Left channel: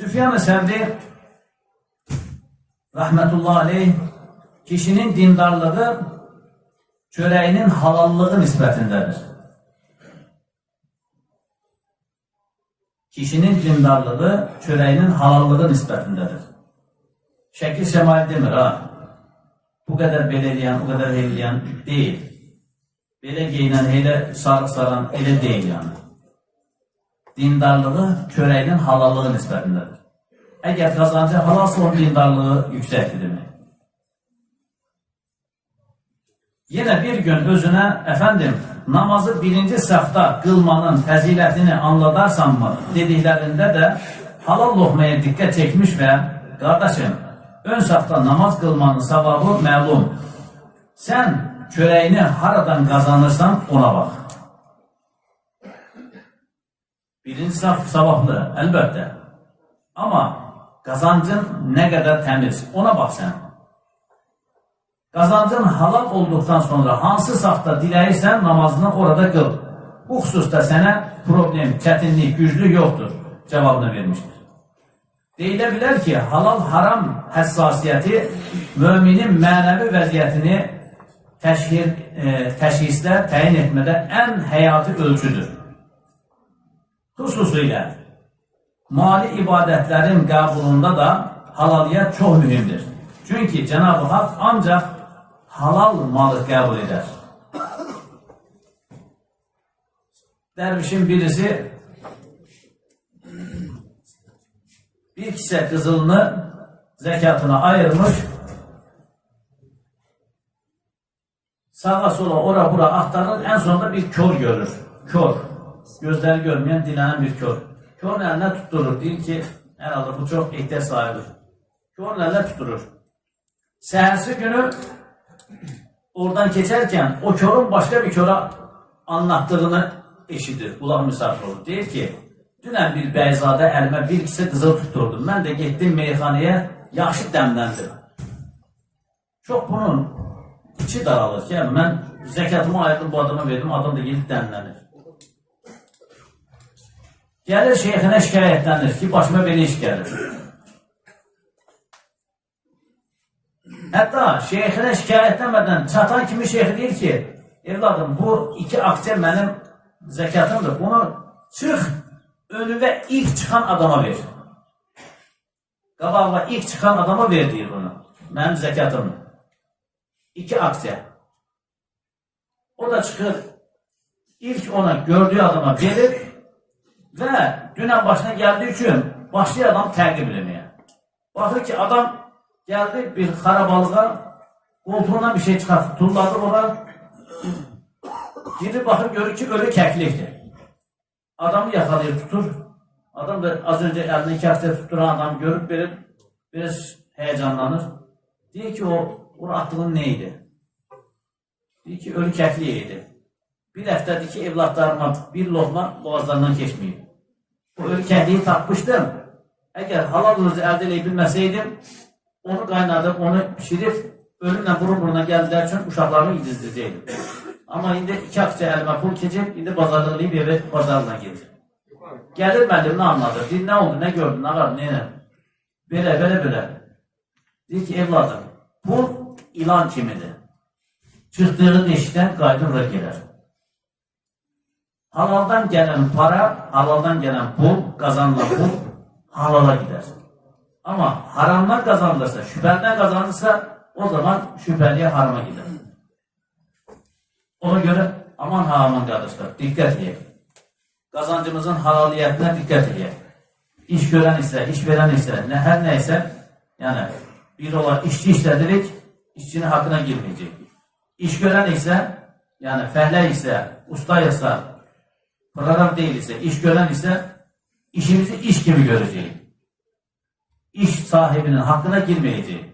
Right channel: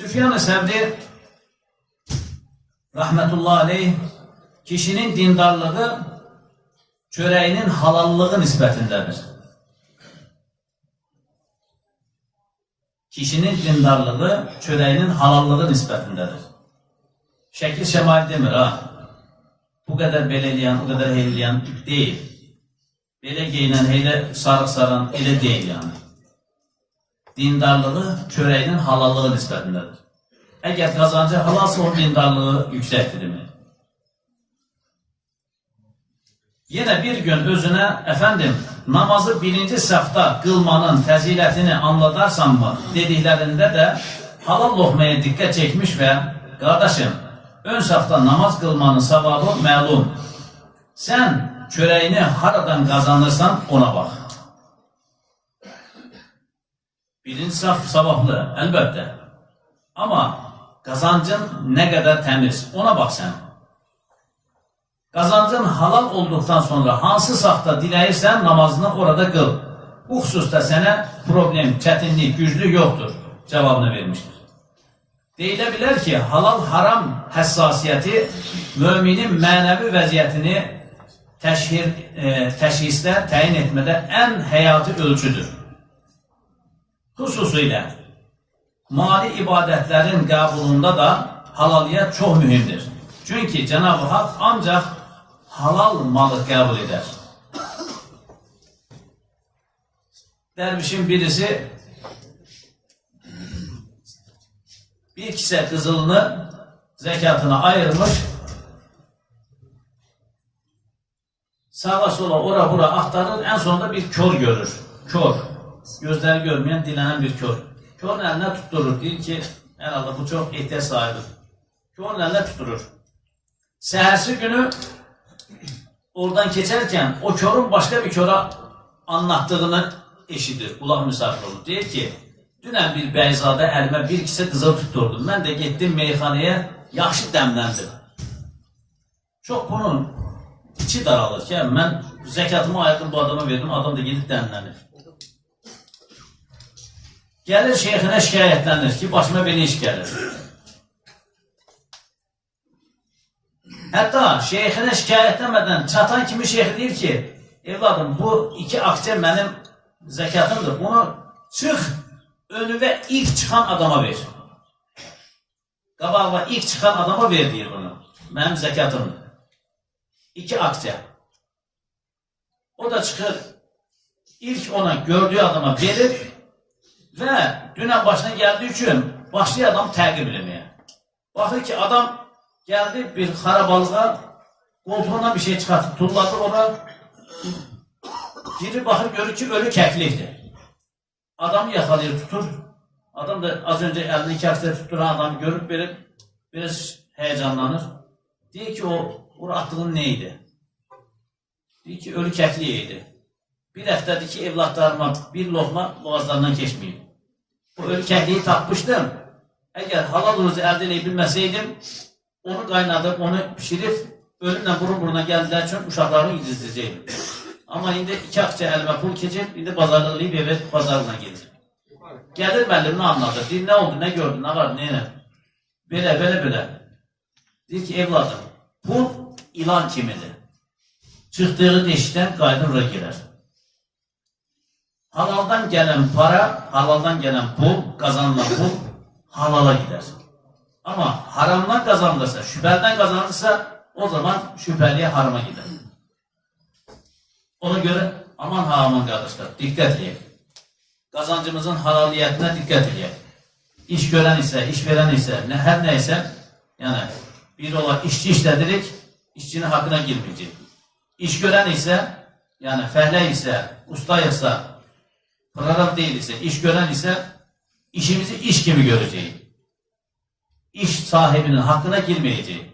Süfyan-ı Sevri rahmetullahi aleyh kişinin dindarlığı çöreğinin halallığı nisbətindedir. Kişinin dindarlığı çöreğinin halallığı nisbətindedir. Şəkil şəmail demir ha. Bu kadar belə eləyən, bu kadar eləyən değil. Belə geyinən, elə sarıq saran, elə deyil yani. Dindarlığı çöreğinin halallığı nisbətindedir. Eğer kazancı halalsa onun dindarlığı yüksektir demek. Yine bir gün özüne efendim namazı birinci safta kılmanın fəzilətini anladarsan mı dediklerinde de halal lokmaya dikkat çekmiş ve kardeşim ön safta namaz kılmanın savabı məlum. Sen çöreğini haradan kazanırsan ona bak. Birinci saf savablı elbette. Ama kazancın ne kadar temiz ona bak sen. Kazancın halal olduktan sonra hansı safta diləyirsən namazını orada kıl. Bu hususta sana problem, çətinlik, güclük yoktur cevabını vermiştir. Deyilə ki halal haram həssasiyyəti müminin mənəvi vəziyyətini təşhislə təyin etmədə ən həyati ölçüdür. Xüsusilə mali ibadətlərin qəbulunda da halaliyyət çox mühimdir. Çünki Cenab-ı Hak ancaq halal malı qəbul eder. Dervişin birisi bir kise kızılını zekatına ayırmış, sağa sola ora bura aktarır, en sonunda bir kör görür. Kör. Gözleri görmeyen, dilenen bir kör. Körün eline tutturur. Deyir ki, herhalde bu çok ihtiyaç sahibi. Körün eline tutturur. Səhərsi günü oradan geçerken o körün başka bir köre anlattığını eşidir. Kulaq misafir olur. Deyir ki, dünən bir bəyzadə əlimə bir kişi qızıl tuturdum. Mən də getdim meyxanaya, yaxşı dəmləndim. Çox bunun içi daralır ki, mən zəkatımı ayırdım, bu adama verdim, adam da gedib dəmlənir. Gəlir şeyxinə şikayətlənir ki, başıma belə iş gəlir. Hətta şeyxinə şikayətlənmədən çatan kimi şeyx deyir ki, evladım bu 2 akçe mənim zəkatımdır, bunu çıx önüve ilk çıkan adama ver. Qabağına ilk çıkan adama ver deyir bunu. Mənim zəkatım. 2 akçe. O da çıxır ilk ona gördüğü adama verir ve dünən başına geldiği için başlıyor adam təqib eləməyə. Baxır ki adam geldi bir xarabalığa koltuğundan bir şey çıkartıp tulladı ona. Girir baxır görür ki ölü kəklikdir. Adamı yakalayır tutur. Adam da az önce elini 2 akçe tutturan adamı görüp verip biraz heyecanlanır. Diyor ki o attığın neydi? Diyor ki ölü kəkliyeydi. Bir həftədir ki evlatlarıma bir lokma boğazlarından geçmiyor. O ölü kəkliyi tapmıştım. Eğer halal rızı elde edebilmeseydim onu kaynadıb, onu pişirip ölümle burun buruna geldiler için uşaqlarını yedizdirəcəkdim. Ama indi 2 akçe elime pul keçib, indi bazarlığıyıb eve bazarına gedir. Gelir müəllimini anladı. Deyir, ne oldu, ne gördün, ne var, ne? Böyle. Deyir ki, evladım, pul ilan kimidir. Çıxdığı deşikdən qayıdır və girer. Halaldan gelen para, halaldan gelen pul, kazanılan pul halala gider. Ama haramdan kazanılırsa, şüphelden kazanılırsa o zaman şüpheliye harama gider. Ona göre aman ha aman kardeşler dikkat edin. Kazancımızın halaliyetine dikkat edin. İş gören ise, iş veren ise, her neyse yani bir olarak işçi işledirik, işçinin hakkına girmeyecek. İş gören ise yani fehle ise, usta ise, program değil ise, iş gören ise işimizi iş gibi göreceğiz. İş sahibinin hakkına girmeyeceğiz.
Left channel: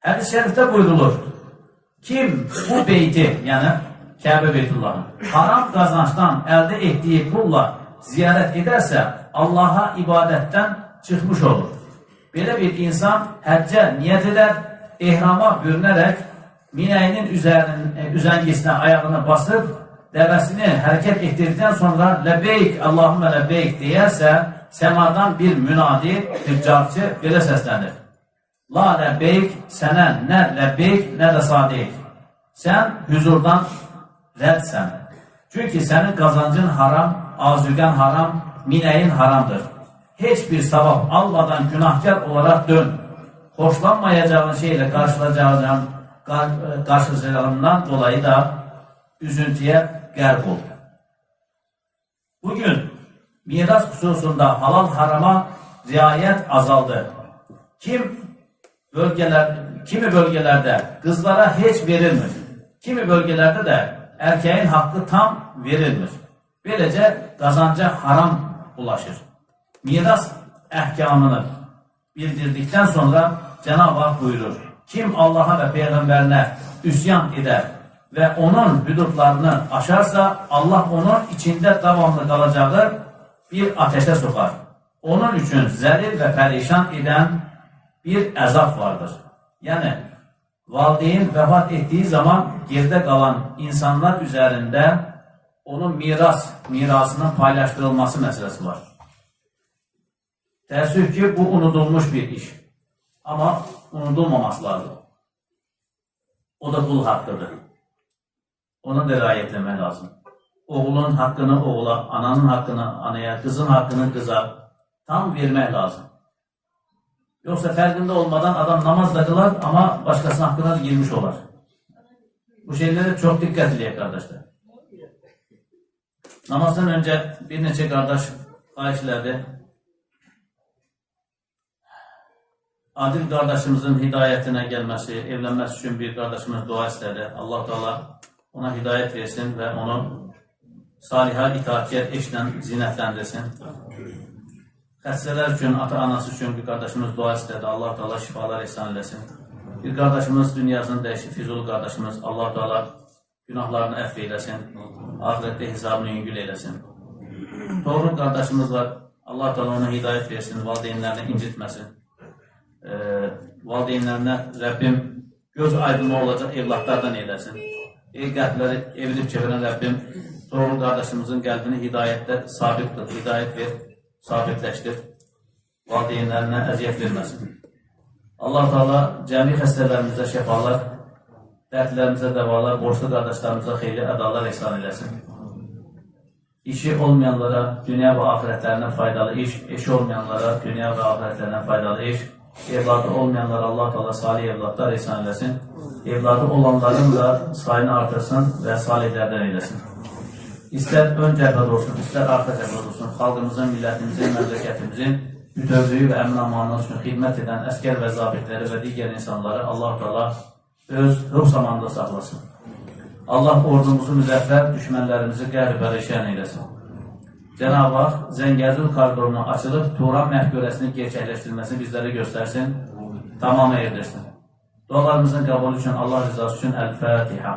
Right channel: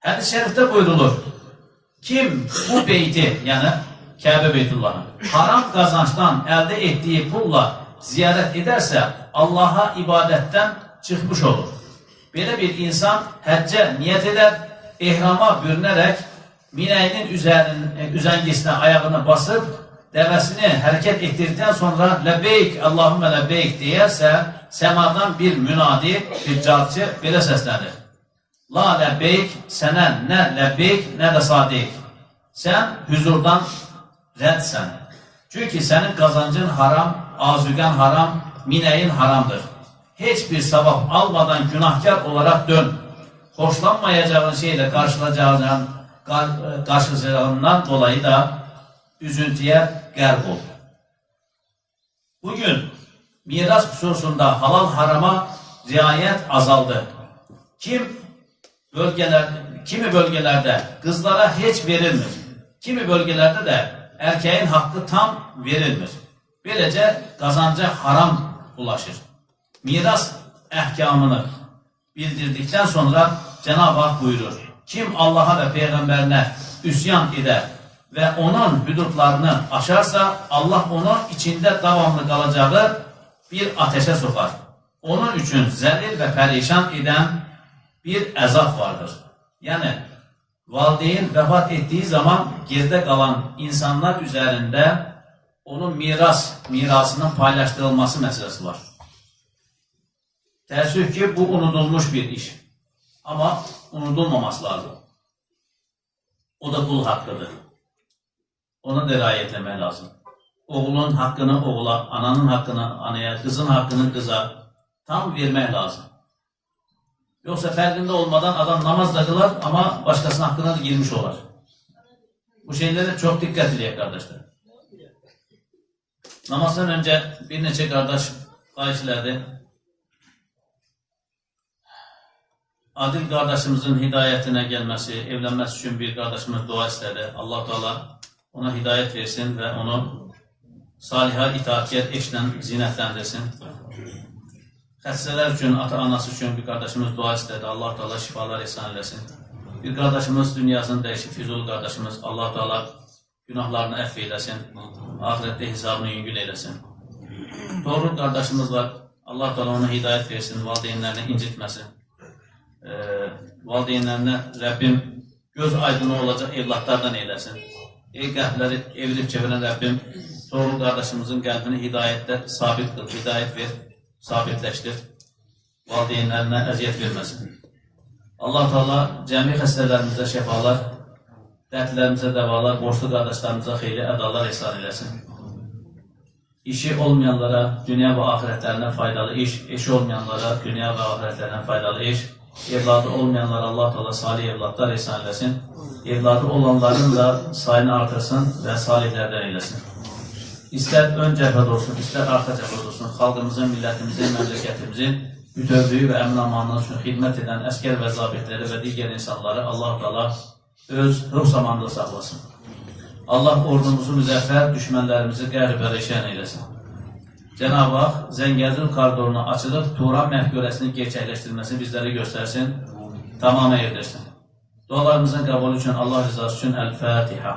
Hadis-i şerifte buyrulur. Kim bu beyti yani Kabe Beytullah'ı haram kazançtan elde ettiği pulla ziyaret ederse Allah'a ibadetten çıkmış olur. Böyle bir insan həcce niyet eder, ihrama bürünerek minəyinin üzəngisinə ayağını basıp dəvəsini hərəkət etdirdikdən sonra ləbbeyk, Allahümmə ləbbeyk deyərsə, səmadan bir münadi, bir carçı belə səslənir. La ləbbeyk, sənə nə ləbbeyk, nə də sadiq. Sən hüzurdan rədsən. Çünki sənin qazancın haram, azüqən haram, minəyin haramdır. Heç bir savab almadan günahkar olaraq dön. Xoşlanmayacağın şeylə qarşılayacağından dolayı da üzüntüyə qərq ol. Bugün miras xüsusunda halal harama riayət azaldı. Kimi bölgelərdə qızlara heç verilmir. Kimi bölgelərdə də erkeğin hakkı tam verilmir. Böylece qazanca haram ulaşır. Miras əhkamını bildirdikten sonra Cenab-ı Hak buyurur. Kim Allah'a ve Peygamberine üsyan eder ve onun hüdudlarını aşarsa Allah onun içinde davamlı kalacağı bir ateşe sokar. Onun için zəlil ve perişan eden bir əzab vardır. Yani valideyn vəfat ettiği zaman geride kalan insanlar üzerinde onun mirasının paylaştırılması meselesi var. Təəssüf ki, bu unudulmuş bir iş. Ama unudulmaması lazım. O da kul hakkıdır. Ona da riayət etmək lazım. Oğlun hakkını oğula, ananın hakkını anaya, kızın hakkını kıza tam vermək lazım. Yoksa fərqində olmadan adam namaz da kılar ama başkasının hakkına da girmiş olar. Bu şeylere çok dikkat edin kardeşler. Namazdan önce bir neçə kardeş xahişlədi. Adil kardeşimizin hidayetine gelmesi, evlenmesi için bir kardeşimiz dua istedi. Allah Teala ona hidayet versin ve onu saliha itaatkar eşlə zinətləndirsin. Xəstələr üçün, ata-anası üçün bir kardeşimiz dua istedi. Allah Teala şifalar ihsan eləsin. Bir kardeşimiz dünyasını dəyişib, Füzuli kardeşimiz Allah Teala günahlarını əff eyləsin. Ahirette hesabını yüngül eyləsin. Torun kardeşimiz var. Allah Teala ona hidayet versin, valideynlərini incitməsin. Valideynlərinə Rəbbim göz aydını olacaq evlatlardan eyləsin. Qəlbləri evirib çevirən Rəbbim torun kardeşimizin qəlbini hidayətdə sabit qıl, hidayət ver, sabitləşdir. Valideynlərinə əziyyət verməsin. Allah Teala cəmi xəstələrimizdə şəfalar, dərdlərimizə dəvalar, borçlu qardaşlarımıza xeyli ədalar ihsan eləsin. İşi olmayanlara dünya və ahirətlərinə faydalı iş, eşi olmayanlara dünya və ahirətlərinə faydalı iş, evladı olmayanlara Allah Teala salih evlatlar ihsan eləsin. Evladı olanların da sayını artırsın və salihlərdən eyləsin. İstər ön cəbhədə olsun, istər arxa cəbhədə olsun, xalqımızın, millətimizin, məmləkətimizin bütövlüyü və əmin-amanlığı üçün xidmət edən əskər və zabitləri və digər insanları Allah Teala öz ruh zamanında saxlasın. Allah ordumuzu müzəffər, düşmənlərimizi qərb-pərişan eyləsin. Cenab-ı Hak Zəngəzur koridorunu açılıb Turan məhkörəsini gerçəkləşdirməsini bizlərə göstərsin, tamamı erdirsin. Dualarımızın qəbulü üçün Allah rızası üçün Əl-Fatiha.